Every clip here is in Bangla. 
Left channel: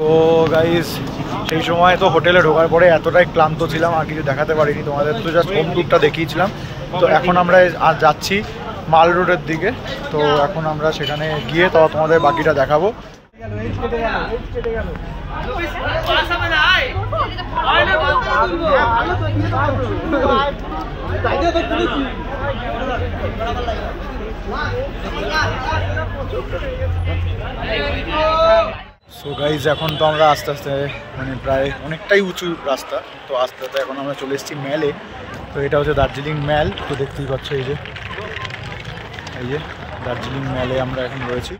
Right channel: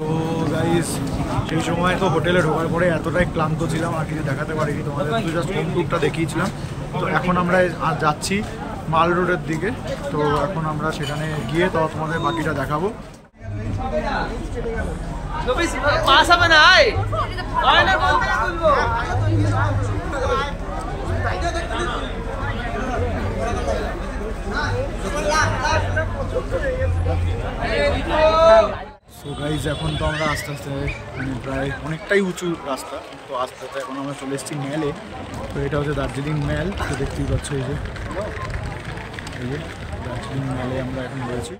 তো গাইজ সেই সময় তো হোটেলে ঢোকার পরে এতটাই ক্লান্ত ছিলাম আর কিছু দেখাতে পারিনি তোমাদের, তো জাস্ট হোম ট্যুরটা দেখিয়েছিলাম। তো এখন আমরা আজ যাচ্ছি মাল রোডের দিকে, তো এখন আমরা সেখানে গিয়ে তো তোমাদের বাকিটা দেখাবো। সো গাইজ এখন তো আমরা আস্তে আস্তে মানে প্রায় অনেকটাই উঁচু রাস্তা, তো আস্তে আস্তে এখন আমরা চলে এসেছি ম্যালে। তো এটা হচ্ছে দার্জিলিং ম্যাল, তো দেখতেই পাচ্ছ এই যে দার্জিলিং ম্যালে আমরা এখন রয়েছি।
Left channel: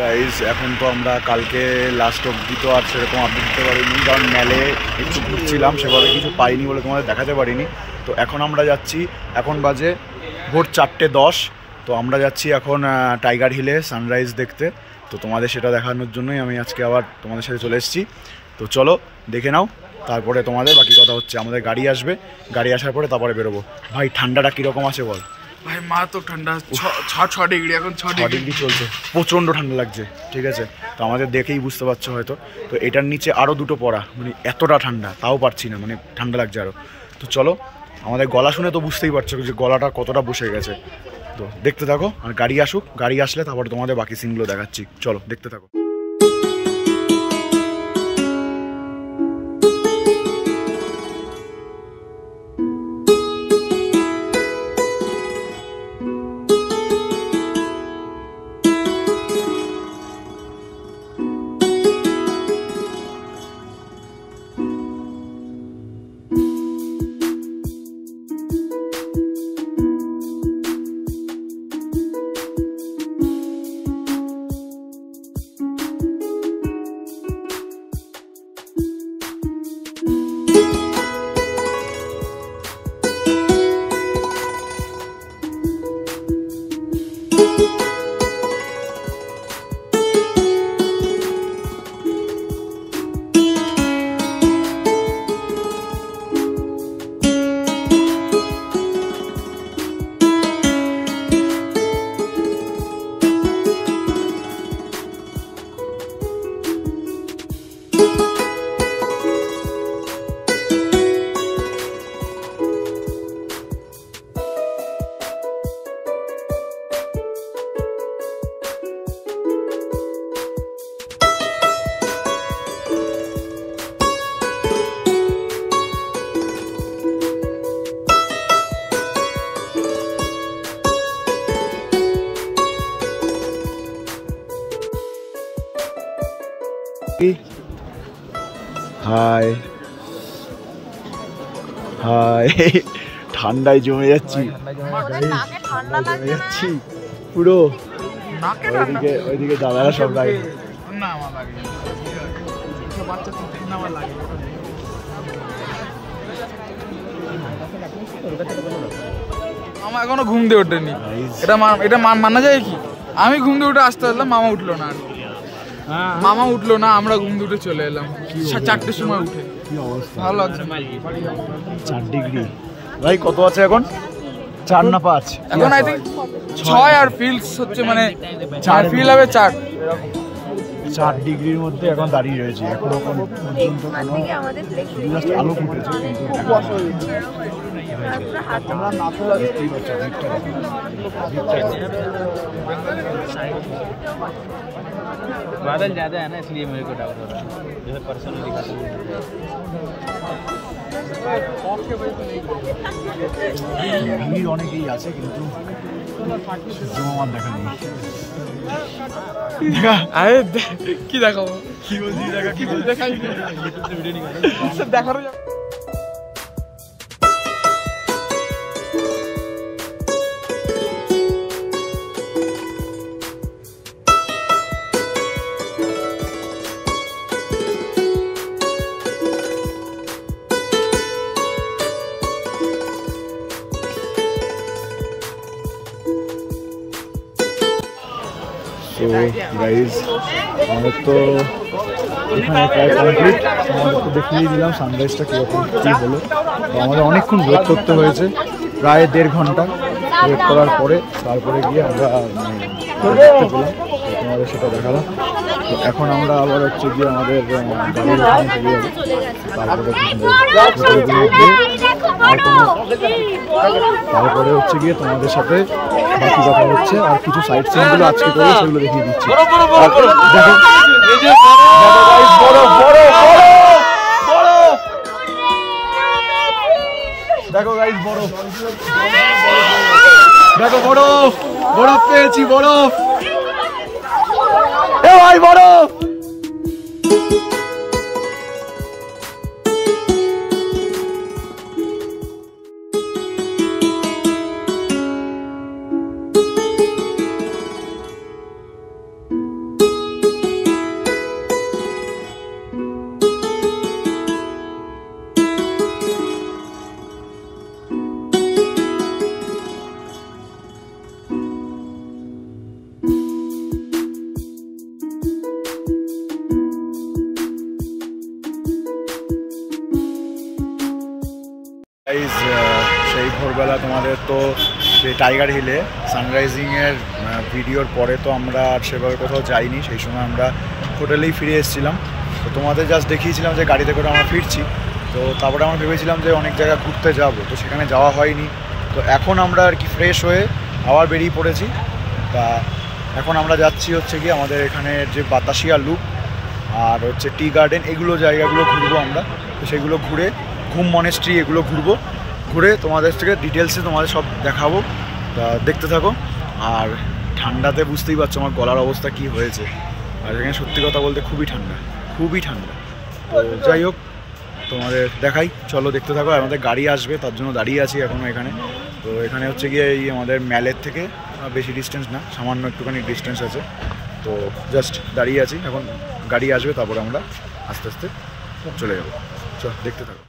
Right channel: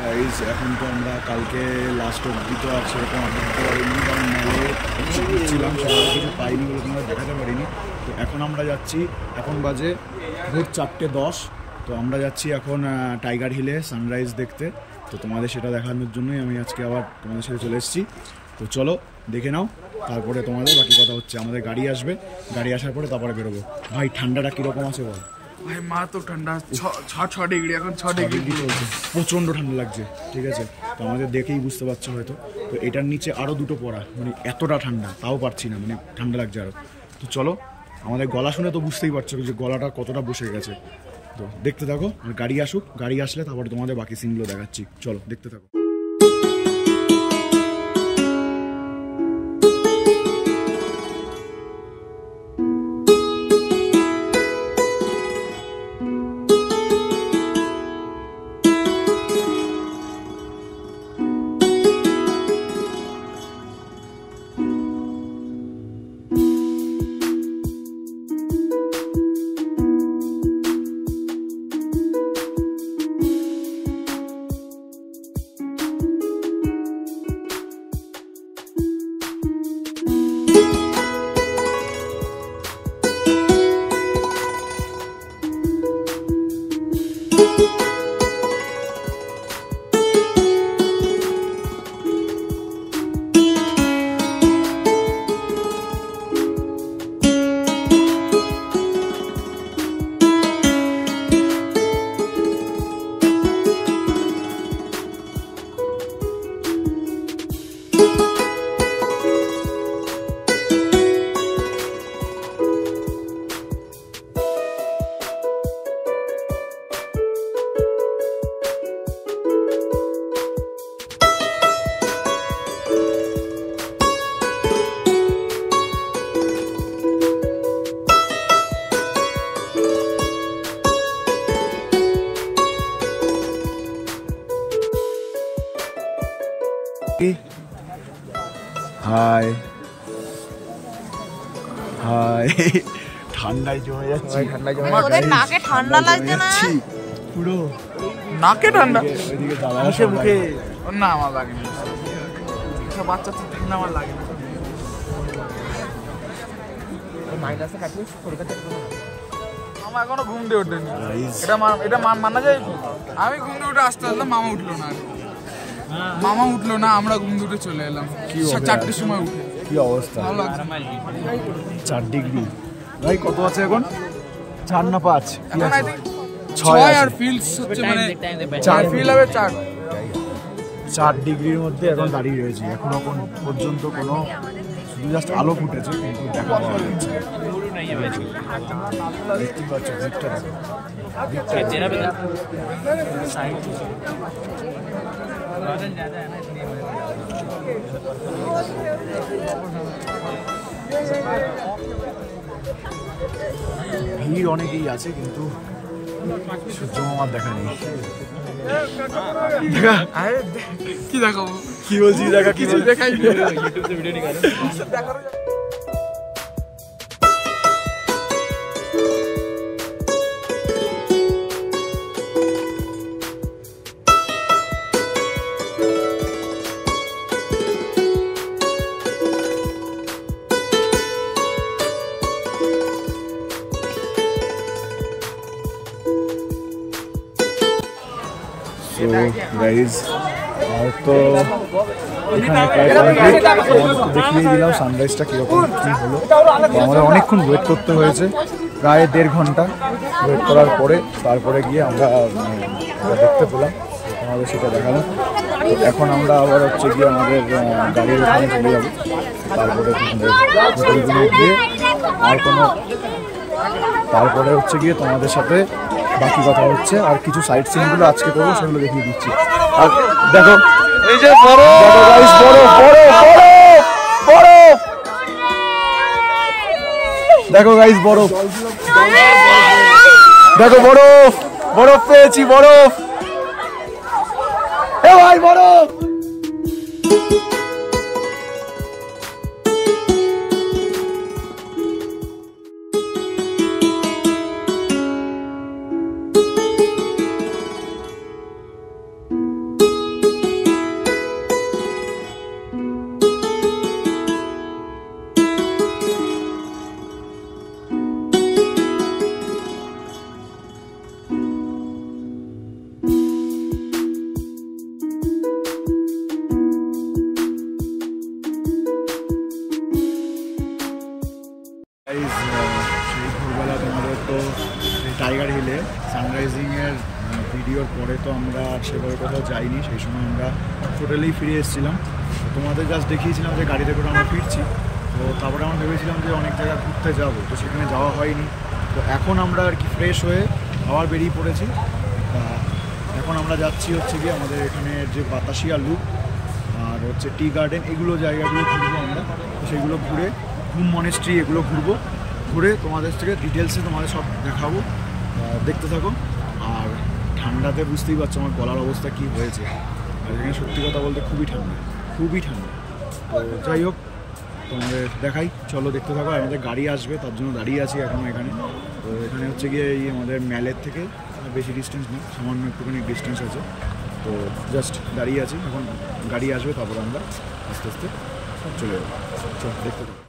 গাইজ এখন তো আমরা কালকে লাস্ট অবধি তো আর সেরকম আপডেট দিতে পারিনি, কারণ মেলে একটু ঘুরছিলাম, সেভাবে কিছু পাইনি বলে তোমাদের দেখাতে পারিনি। তো এখন আমরা যাচ্ছি, এখন বাজে ভোর 4:10। তো আমরা যাচ্ছি এখন টাইগার হিলে সানরাইজ দেখতে। তো তোমাদের সেটা দেখানোর জন্যই আমি আজকে আবার তোমাদের সাথে চলে এসেছি। তো চলো দেখে নাও, তারপরে তোমাদের বাকি কথা হচ্ছে। আমাদের গাড়ি আসবে, গাড়ি আসার পরে তারপরে বেরোবো। ভাই ঠান্ডাটা কীরকম আছে বল? ভাই মারাত্মক ঠান্ডা, 6 ডিগ্রি, এখন 6 ডিগ্রি চলছে, প্রচণ্ড ঠান্ডা লাগছে, ঠিক আছে। তো আমাদের দেখেই বুঝতে পারছো হয়তো। তো এটার নিচে আরও দুটো পড়া, মানে এতটা ঠান্ডা তাও পারছি না, মানে ঠান্ডা লাগছে আরও। তো চলো, আমাদের গলা শুনে তো বুঝতেই পারছো যে গলাটা কতটা বসে গেছে। তো দেখতে থাকো, আর গাড়ি আসুক, গাড়ি আসলে তারপরে তোমাদের বাকি সিনগুলো দেখাচ্ছি। চলো দেখতে থাকো। হাই হাই, ঠান্ডায় জমে যাচ্ছি, ঠান্ডায় জমে যাচ্ছি পুরো নাকে ঠান্ডা। ওইদিকে দাদারা সব লাগে না, আমার লাগে না, বাচ্চা ঠান্ডা আমার লাগে না। আমার এখনো ঘুম দিয়ে ওঠেনি, এটা মানা যায় কি? আমি ঘুম দিয়ে উঠে আসতে পারলাম, মামা উঠলো না, মামা উঠলো না, আমরা ঘুম দিয়ে উঠে চলে এলাম 4টের সময় উঠে। কি অবস্থা, ভালো লাগছে। 4 ডিগ্রি ভাই, কত আছে এখন? 4 না 5? এখন আই থিং 6, আর ফিলস হচ্ছে মানে 4 ফিল হবে 4 ডিগ্রির মধ্যে এখন দাঁড়িয়ে রয়েছি। এখনো পর্যন্ত কোনো শুধু জাস্ট আলো ফুটেছে, কিন্তু দেখা পাওয়া যাচ্ছে। দেখতেই পাচ্ছ ভিড়টা, দেখো ভিড়টা। बादल ज़्यादा है ना, इसलिए मेरे को ভিড় অনেকেই আছে, কিন্তু সূর্য মামার দেখা নেই। কি দেখাবো, কি বলছি, দেখা কিছুই দেখাই দেখার। গাইজ আমাদের তো এখানে প্রায় কমপ্লিট, আমাদের তো দেখিয়ে দিলাম সানরাইজটা কীরকম কী হলো। তো আমাদের অনেকক্ষণ ওয়েট করতে হয়েছে, প্রায় 1.5 ঘন্টা ওয়েট করার পরে তারপরে গিয়ে আমরা দেখতে পেলাম, তো তোমাদের সেটা দেখালাম। তো এখন আমরা আবার হচ্ছে গিয়ে আমাদের গাড়ির ওখানে চলে যাবো, তারপরে হোটেলগুলো গিয়ে আর কোনো তারপরে হচ্ছে গিয়ে তোমাদের সাথে বাকি কথা হচ্ছে। আর কিছু সাইট সিনগুলো আজকে করবো, সেগুলো দেখিয়ে দিচ্ছি। আর দেখো এই যে দেখো গাইস বরফ, দেখো বরফ, বরফ পেয়েছি, বরফ, এ ভাই বরফ। সেই ভোরবেলা তোমাদের তো সেই টাইগার হিলে সানরাইজিংয়ের ভিডিওর পরে তো আমরা আর সেভাবে কোথাও যাইনি, সেই সময় আমরা হোটেলেই ফিরে এসেছিলাম। তো তোমাদের জাস্ট দেখিয়েছিলাম যে গাড়িতে করে আমরা ফিরছি। তো তারপরে আমরা ভেবেছিলাম যে অনেক জায়গা ঘুরতে যাব, তো সেখানে যাওয়া হয়নি। তো এখন আমরা আর কি ফ্রেশ হয়ে আবার বেরিয়ে পড়েছি। তা এখন আমরা যাচ্ছি হচ্ছে গিয়ে আমাদের এখানে যে বাতাসিয়া লুপ আর হচ্ছে টি গার্ডেন, এগুলো জায়গাগুলো ঘুরবো আমরা। তো সেগুলো ঘুরে ঘুম মনেস্ট্রি এগুলো ঘুরবো, ঘুরে তোমাদের থেকে ডিটেলসে তোমাদের সব দেখাবো। তা দেখতে থাকো। আর ঠান্ডাতে বুঝতেই পারছো আমার গলার অবস্থা কি হয়েছে। আর এখানে সত্যি কথা বলতে খুবই ঠান্ডা, খুবই ঠান্ডা। তো যাই হোক তোমাদের দেখাই, চলো দেখতে থাকো। আর আমাদের গাড়ি আসবে, তার জন্য দাঁড়িয়ে আছি এখনও এখানে। তো এখানে হচ্ছে গিয়ে এই আমাদের ম্যালের থেকে বেশি ডিস্টেন্স না, সামান্য একটুখানি ডিস্টেন্স আছে। তো জাস্ট দাঁড়িয়ে আছি, এখন গাড়ি আসবে, তারপরে আমরা আস্তে আস্তে চলে যাবো। চল দেখতে থাকো।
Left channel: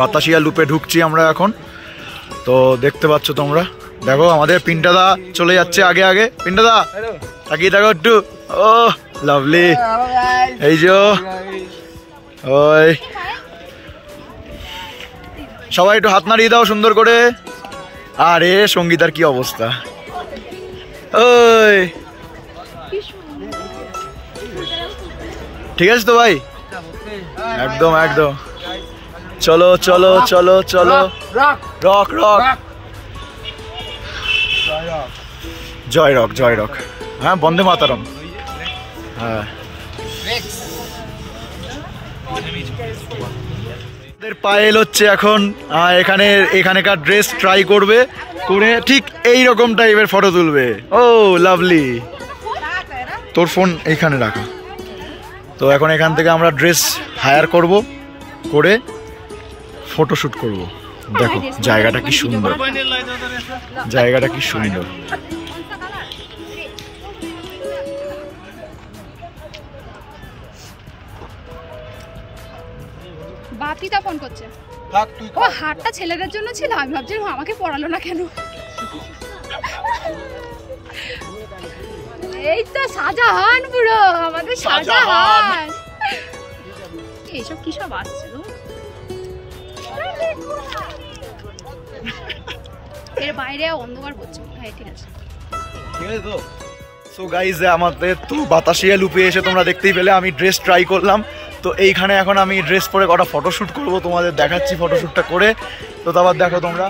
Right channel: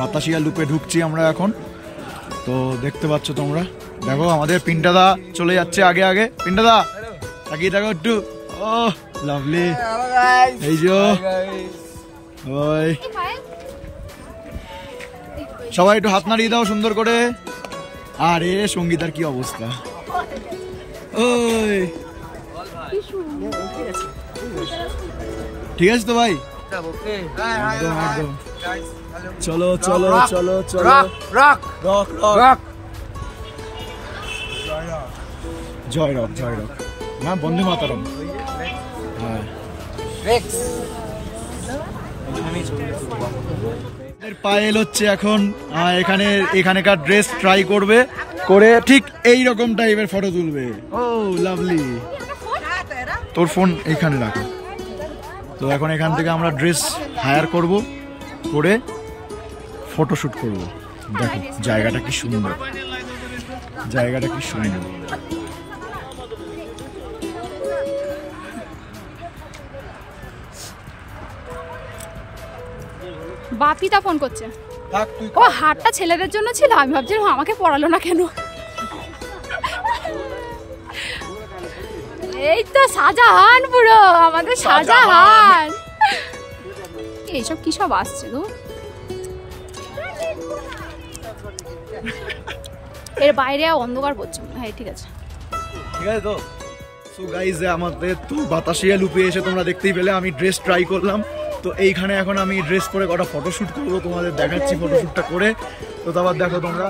বাতাসিয়া লুপে ঢুকছি আমরা এখন। তো দেখতে পাচ্ছ তোমরা, দেখো আমাদের পিন্টাদা চলে যাচ্ছে আগে আগে। পিন্টাদা তাকিয়ে দেখো একটু, ও লাভলি। এই যে ওই সবাই একটু হাত নাড়িয়ে দাও সুন্দর করে। আরে সঙ্গীতার কি অবস্থা, ওই ঠিক আছে তো ভাই, একদম একদম। চলো চলো চলো চলো, রক রক রক, জয় রক জয় রক। হ্যাঁ বন্দে মাতরম। হ্যাঁ পায়েল হচ্ছে এখন এখানকার ড্রেস ট্রাই করবে, করে ঠিক এই রকম টাইপের ফটো তুলবে। ও লাভলি, তোর ফোন এইখানে রাখা। তো এখন এখান থেকে আমরা ড্রেস হায়ার করব, করে ফটোশ্যুট করব। দেখো জায়গাটা কি সুন্দর, জায়গাটা কি সুন্দর। বাপিটা ফোন করছে। ও হাটটা ছেলেদের জন্য ছিল, আমি ভাবছিলাম আমাকে পড়ালো না কেন। এই তো শাহজাহান, পুরো আমাদের শাহজাহান। এইসব কি সব আসছে গো, এর বাইরে অন্ধকার পড়ছে। হ্যাঁ ঠিক আছে, ঠিক আছে। তো তো গাইজ আমাদের তো বাতাসিয়া লুপে এসে তোমরা দেখতেই পেলে আমি ড্রেস ট্রাই করলাম। তো এইখানে এখন আমি ড্রেস পরে কটা ফটোশ্যুট করবো, তোমাদের দেখাচ্ছি ফটোশ্যুটটা করে। তো তারপর দেখো তোমরা।